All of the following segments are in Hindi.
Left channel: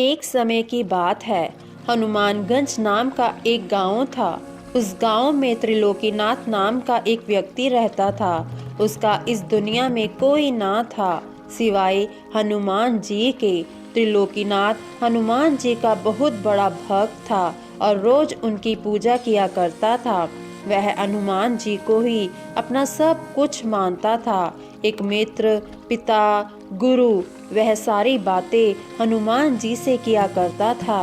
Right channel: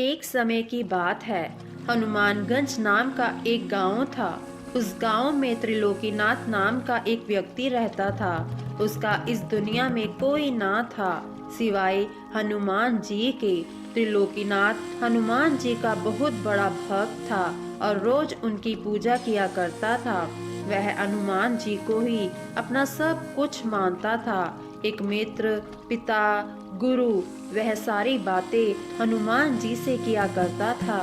एक समय की बात है। हनुमानगंज नाम का एक गांव था। उस गांव में त्रिलोकीनाथ नाम का एक व्यक्ति रहता था। उसका इस दुनिया में कोई ना था सिवाय हनुमान जी के। त्रिलोकीनाथ हनुमान जी का बहुत बड़ा भक्त था और रोज उनकी पूजा किया करता था। वह हनुमान जी को ही अपना सब कुछ मानता था, एक मित्र, पिता, गुरु। वह सारी बातें हनुमान जी से किया करता था।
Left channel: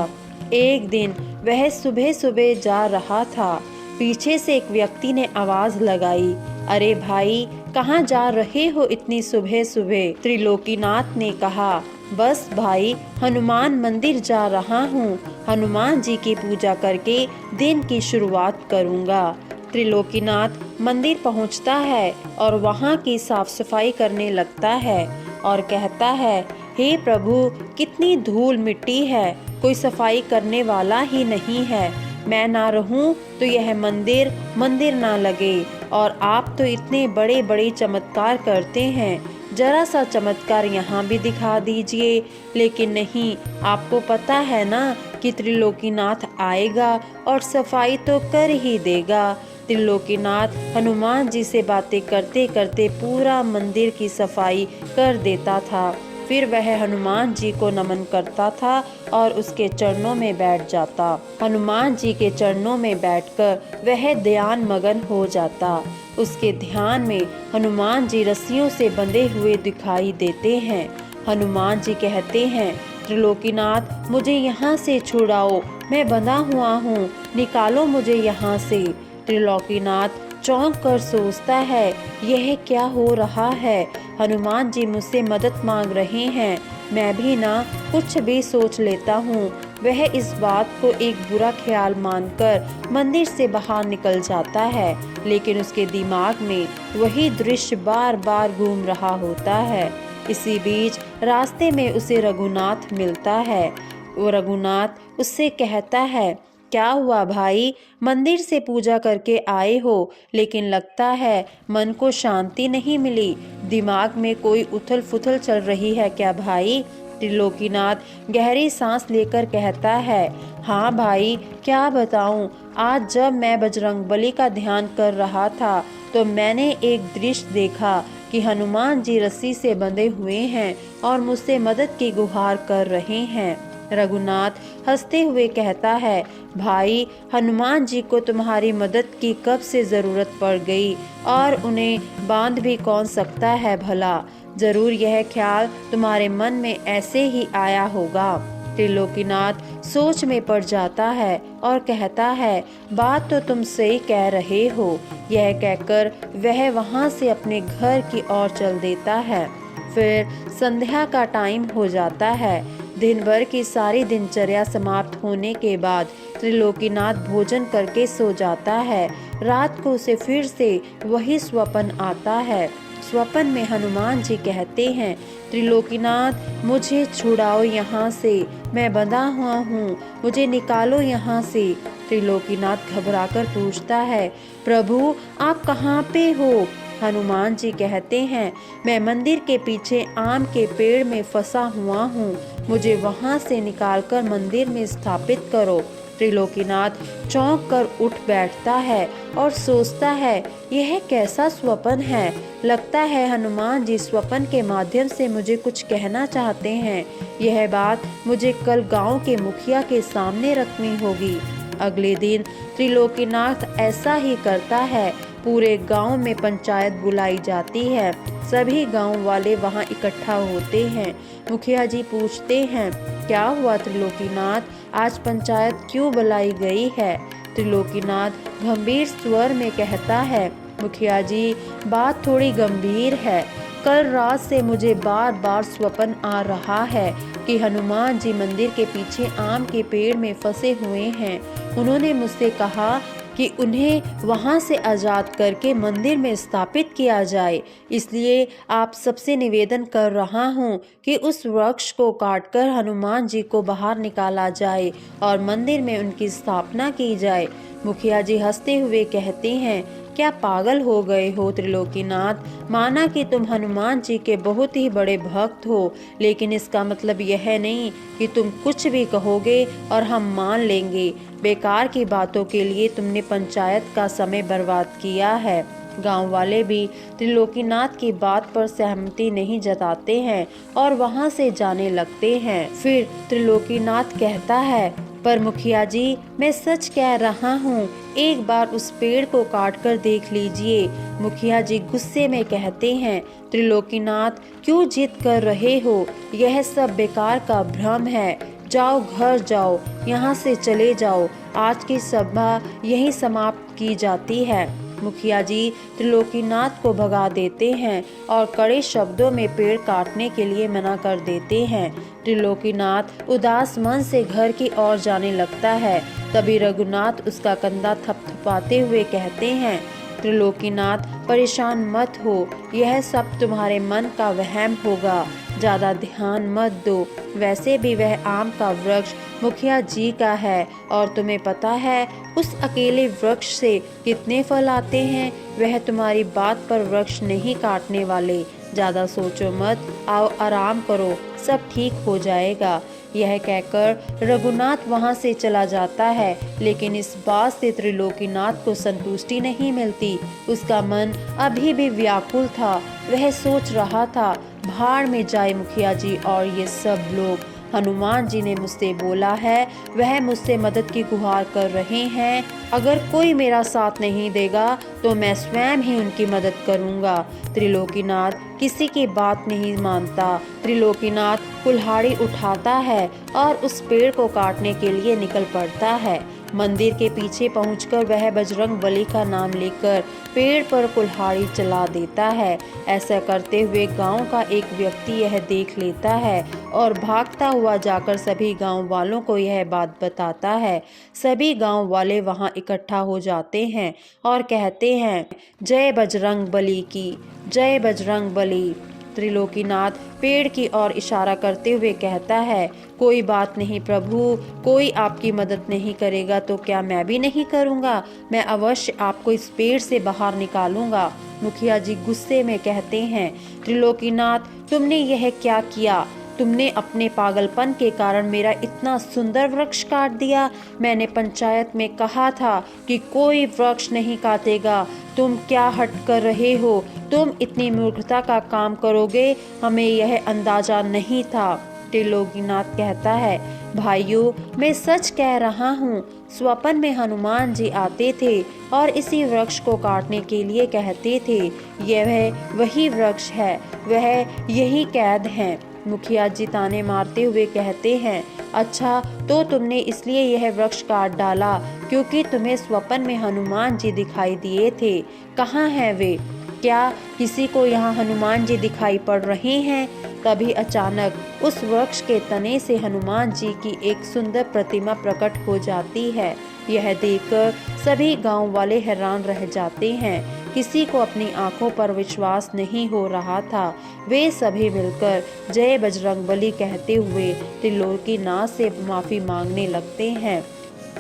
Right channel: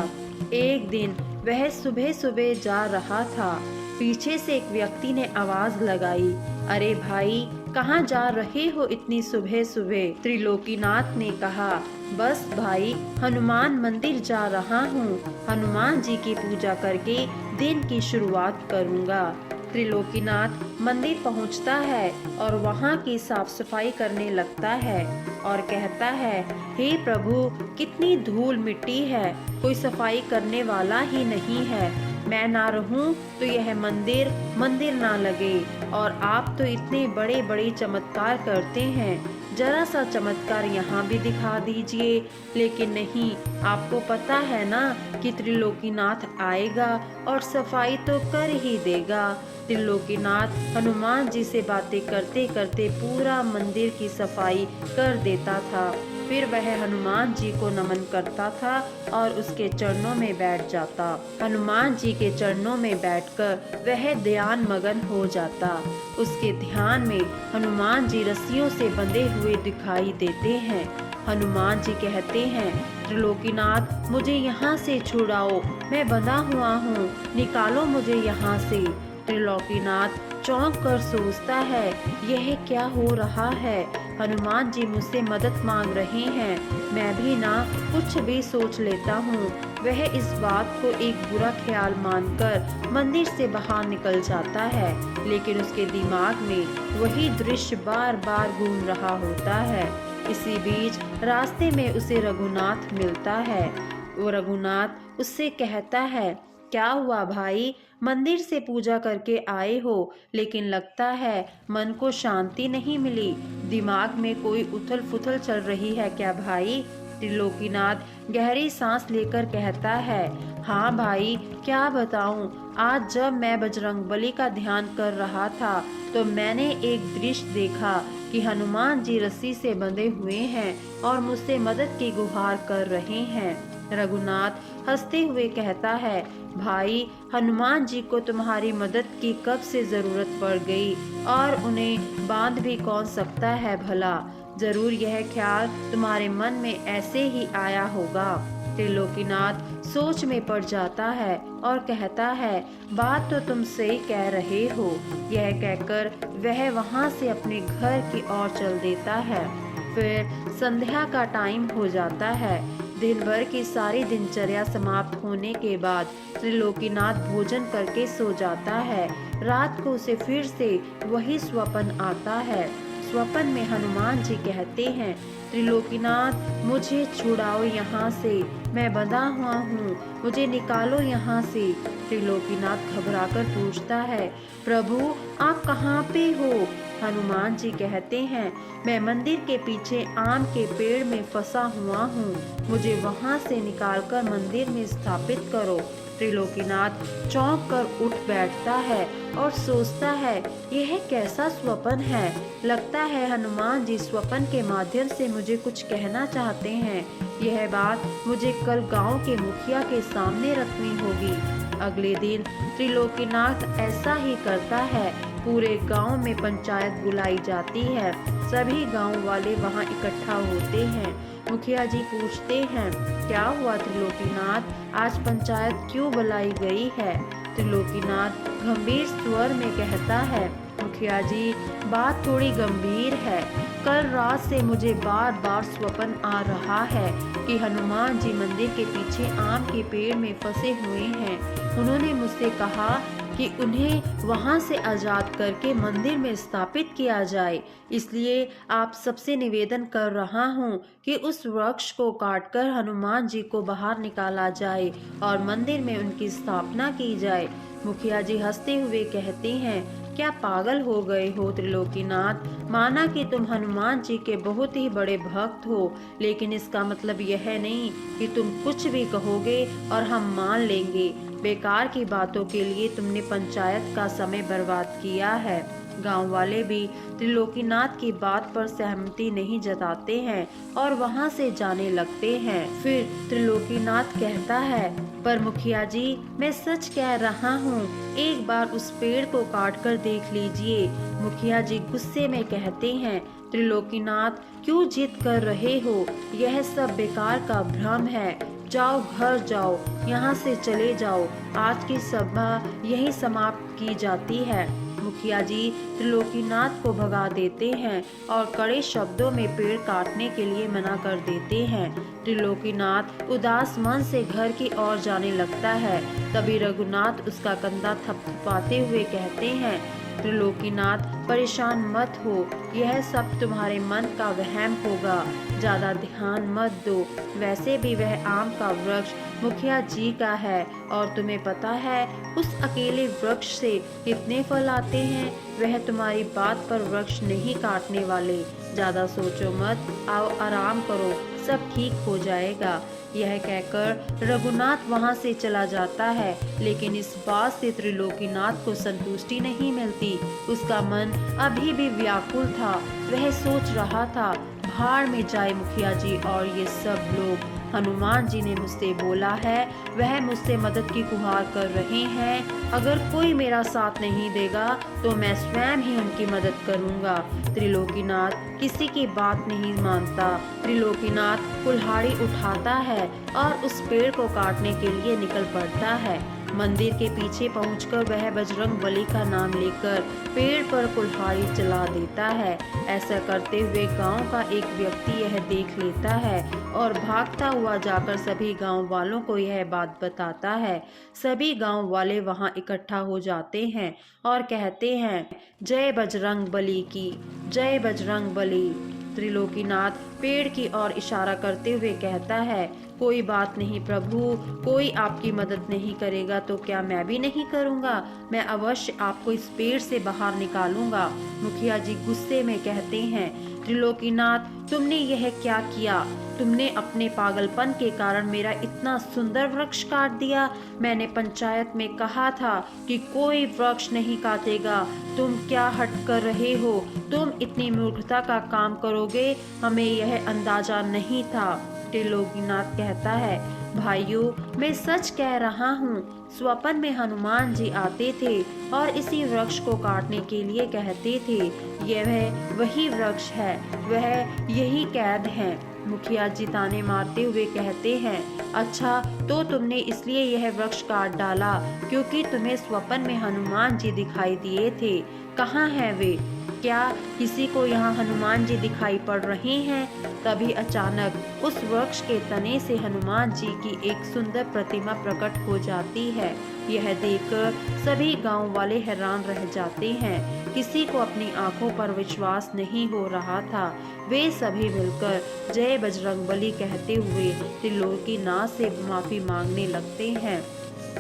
एक दिन वह सुबह सुबह जा रहा था। पीछे से एक व्यक्ति ने आवाज लगाई, अरे भाई, कहाँ जा रहे हो इतनी सुबह सुबह? त्रिलोकीनाथ ने कहा, बस भाई, हनुमान मंदिर जा रहा हूँ। हनुमान जी की पूजा करके दिन की शुरुआत करूँगा। त्रिलोकीनाथ मंदिर पहुंचता है और वहां की साफ सफाई करने लगता है और कहता है, हे प्रभु, कितनी धूल मिट्टी है, कोई सफाई करने वाला ही नहीं है। मैं ना रहूं तो यह मंदिर मंदिर ना लगे। और आप तो इतने बड़े बड़े चमत्कार करते हैं, जरा सा चमत्कार यहाँ भी दिखा दीजिए। लेकिन नहीं, आपको पता है ना कि त्रिलोकीनाथ आएगा और सफाई तो कर ही देगा। त्रिलोकीनाथ हनुमान जी से बातें करते करते पूरा मंदिर की सफाई कर देता था। फिर वह हनुमान जी को नमन करता था और उसके चरणों में बैठ जाता। हनुमान जी के चरणों में बैठकर वह ध्यान मगन हो जाता। उसके ध्यान में हनुमान जी रस्सियों से बंधे हुए दिखाई देते हैं। हनुमान जी कहते हैं, त्रिलोकीनाथ, मुझे यहाँ से छुड़ाओ, मैं बंधा हुआ हूँ, निकालो मुझे यहाँ से। त्रिलोकीनाथ चौंक कर सोचता है, यह क्या हो रहा है? हनुमान जी मुझसे मदद मांग रहे हैं, मैं भी ना कुछ भी सोच लेता हूँ। वह इस बात को एक बुरा ख्याल मानकर मंदिर से बाहर निकल जाता है, लेकिन उसके दिमाग में वही दृश्य बार बार घूम रहा होता है। इसी बीच रास्ते में उसे रघुनाथ मिलता है। वो रघुनाथ उससे कहता है, क्या हुआ भाई, मंदिर से पूजा करके आए हो, लेकिन लगता है मन को शांति नहीं मिली, दिमाग में कोई उथल पुथल चल रही है क्या भाई? त्रिलोकीनाथ गहरी सांस लेकर कहता है, हाँ भाई, क्या बताऊं, आज जब मैं बजरंगबली का ध्यान कर रहा था तो मैंने एक दृश्य देखा कि हनुमान जी रस्सी से बंधे हुए हैं और मुझसे मदद की गुहार कर रहे हैं। रघुनाथ हंसते हुए कहता है, भाई, हनुमान जी को तुम्हारी मदद की कब से जरूरत पड़ गई और उन्हें बांध भी कौन सकता है भला? जरूर यह ख्याल तुम्हारे मन में ऐसे ही आया होगा। त्रिलोकीनाथ सोच में पड़ जाता है और कहता है, बात तो तुम सही कह रहे हो। यह कहकर वह वहां से अपने घर की ओर चल देता है। फिर संध्या का टाइम हो जाता है। दिन भर की सारी दिनचर्या समाप्त होने के बाद त्रिलोकीनाथ भोजन करके सो जाता है। रात को उसे फिर से वही स्वप्न आता है। स्वप्न में हनुमान जी कहते हैं, त्रिलोकीनाथ, मुझे छुड़ाओ यहाँ से, मैं बंधा हुआ हूँ, मुझे निकालो यहाँ से। त्रिलोकीनाथ घबराकर पूछता है, प्रभु, आप कहाँ पे हो? हनुमान जी कहते हैं, मैं मंदिर के पीछे आम के पेड़ में फंसा हुआ हूँ, मुझे वहाँ से निकालकर मंदिर में स्थापित करो। त्रिलोकीनाथ चौंक कर उठ बैठता है और सोचता है, यह कैसा स्वप्न है? लगता है हनुमान जी स्वप्न के माध्यम से मुझे कुछ कहना चाहते हैं। यह बात मुझे कल गांव के मुखिया के सामने रखनी होगी। अगले दिन त्रिलोकीनाथ ऐसा ही करता है। पूरे गांव में पंचायत बुलाई जाती है। सभी गांव वाले वहां इकट्ठा होते हैं। मुखिया जी पूछते हैं, क्या हुआ त्रिलोकीनाथ, आज पंचायत क्यों बुलाई गई है? त्रिलोकीनाथ गंभीर स्वर में कहता है, मुखिया जी, बात थोड़ी गंभीर है। कल रात से मुझे बार बार स्वप्न आ रहा है कि हनुमान जी मंदिर के पीछे आम के पेड़ में फंसे हुए हैं। उन्होंने मुझसे कहा कि उन्हें वहां से आजाद करके मंदिर में स्थापित किया जाए। इसलिए आप सबसे निवेदन कर रहा हूँ कि उस वृक्ष को काटकर हनुमान जी को बाहर निकाला जाए और मंदिर में उनकी स्थापना की जाए। मुखिया जी हंसते हुए कहते हैं, क्या पागल हो गए हो त्रिलोकीनाथ? माना कि तुम हनुमान जी के बहुत ही बड़े भक्त हो, लेकिन इसका मतलब यह नहीं कि तुम कुछ भी कहोगे और हम मान लेंगे। बेकार की बातों के लिए तुमने पंचायत का समय बर्बाद किया है। गांव वाले भी त्रिलोकीनाथ की बात पर सहमति नहीं जताते हैं और वहां से जाने लगते हैं। फिर त्रिलोकीनाथ कहता है, पर मुखिया जी, मैं सच कह रहा हूँ, एक बार उस पेड़ को काट कर देख लीजिए। मुखिया जी गुस्से में कहते हैं, त्रिलोकीनाथ, क्यों जिद कर रहे हो? यह सब बेकार का भ्रम है। जाओ, घर जाओ, यहाँ से चले जाओ। आज की सभा यही समाप्त की जाती है। मुखिया जी त्रिलोकीनाथ को भगा देते हैं और कड़े शब्दों में पेड़ काटने के लिए मना कर देते हैं। त्रिलोकीनाथ उदास मन से घर की ओर जाने लगता है। तभी रघुनाथ उसका कंधा थपथपाते हुए कहते हैं, त्रिलोकीनाथ, परेशान मत हो, यह सब तुम्हारे मन का वहम होगा, ज्यादा ध्यान मत दो। वैसे भी वह आम का वृक्ष मुखिया जी का है और तुम्हें पता है उस अकेले वृक्ष से कितने फल आते हैं। वह तुम्हारी बात पर वृक्ष नहीं काटने वाले। ज्यादा सोचो मत, आओ आराम करो, सब ठीक हो जाएगा। यह कहकर रघुनाथ वहां से चला जाता है, लेकिन इस बात से त्रिलोकीनाथ को संतुष्टि नहीं मिलती। उसका मन अभी भी व्याकुल था। वह सोच रहा था, भाड़ में जाए मुखिया जी और ये सब लोग। हनुमान जी ने मुझसे बोला है, वह मुझसे मदद की गुहार कर रहे हैं। अगर कोई मेरा साथ नहीं देगा तो मैं स्वयं ही उनकी मदद करूंगा। त्रिलोकीनाथ किसी की बात नहीं मानता। त्रिलोकीनाथ कुल्हाड़ी उठाता है और उस पेड़ को काटने के लिए निकल पड़ता है। मंदिर के पीछे पहुंचकर वह बजरंग बली का नाम लेकर पेड़ पर कुल्हाड़ी चला देता है। ऐसा करते हुए गांव का एक व्यक्ति यह देख लेता है और भागता हुआ जाकर सभी गांव वालों को यह बात बताता है। सभी गांव वाले वहां इकट्ठा हो जाते हैं और कहते हैं, जय बजरंग बली की, जय बजरंग बली। त्रिलोकीनाथ पेड़ की ओर इशारा करते हुए कहता है, कोई बात नहीं प्रभु, कोई आपकी मदद नहीं करेगा तो क्या मैं भी नहीं करूंगा? मैं अवश्य आपको इस पेड़ से बाहर निकालूंगा। मुखिया जी गुस्से में कहते हैं, त्रिलोकीनाथ, तुमने यह क्या किया? तुमने अपने पागलपन के कारण मेरा इतना सुंदर वृक्ष काट दिया। मैंने पंचायत में कहा था कि कोई वृक्ष नहीं काटेगा। तुम क्या हट कर रहे हो? तुम इतनी मूर्खता का काम करोगे, हमें यह अंदाजा नहीं था। त्रिलोकीनाथ कहता है, भाइयों, मैं सच कह रहा हूँ। स्वप्न में हनुमान जी आते थे और इसी वृक्ष को काटने के लिए कहते थे। यह वही वृक्ष है, वह यही कैद है। मुखिया जी ताने मारते हुए कहते हैं, अच्छा तो तुमने इसलिए यह वृक्ष काट डाला क्योंकि तुम्हें स्वप्न में हनुमान जी दिखाई दिए थे। कहाँ हैं वे? क्या किसी को यहाँ हनुमान जी दिखाई पड़ रहे हैं? तभी अचानक उस वृक्ष के तने से हनुमान जी की एक सुंदर प्रतिमा प्रकट हो जाती है। यह देखकर सभी गांव वाले हैरान रह जाते हैं। किसी को अपनी आंखों पर विश्वास नहीं हो रहा था। वे सभी मिलकर जय बजरंगबली कहते हुए त्रिलोकीनाथ से माफी मांगने लगते हैं।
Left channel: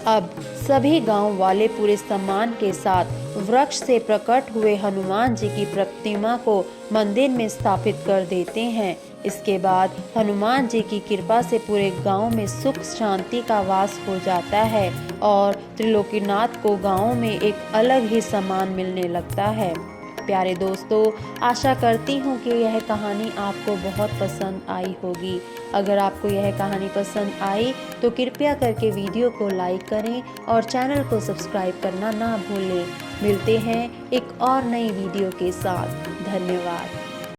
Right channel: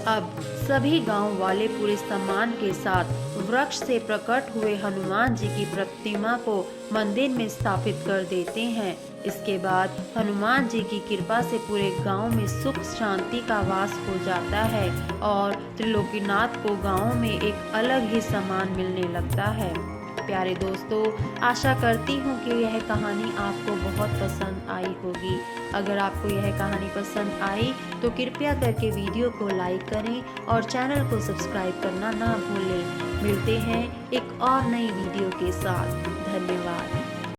अब सभी गांव वाले पूरे सम्मान के साथ वृक्ष से प्रकट हुए हनुमान जी की प्रतिमा को मंदिर में स्थापित कर देते हैं। इसके बाद हनुमान जी की कृपा से पूरे गांव में सुख शांति का वास हो जाता है और त्रिलोकीनाथ को गांव में एक अलग ही सम्मान मिलने लगता है। प्यारे दोस्तों, आशा करती हूँ कि यह कहानी आपको बहुत पसंद आई होगी। अगर आपको यह कहानी पसंद आई तो कृपया करके वीडियो को लाइक करें और चैनल को सब्सक्राइब करना ना भूलें। मिलते हैं एक और नई वीडियो के साथ। धन्यवाद।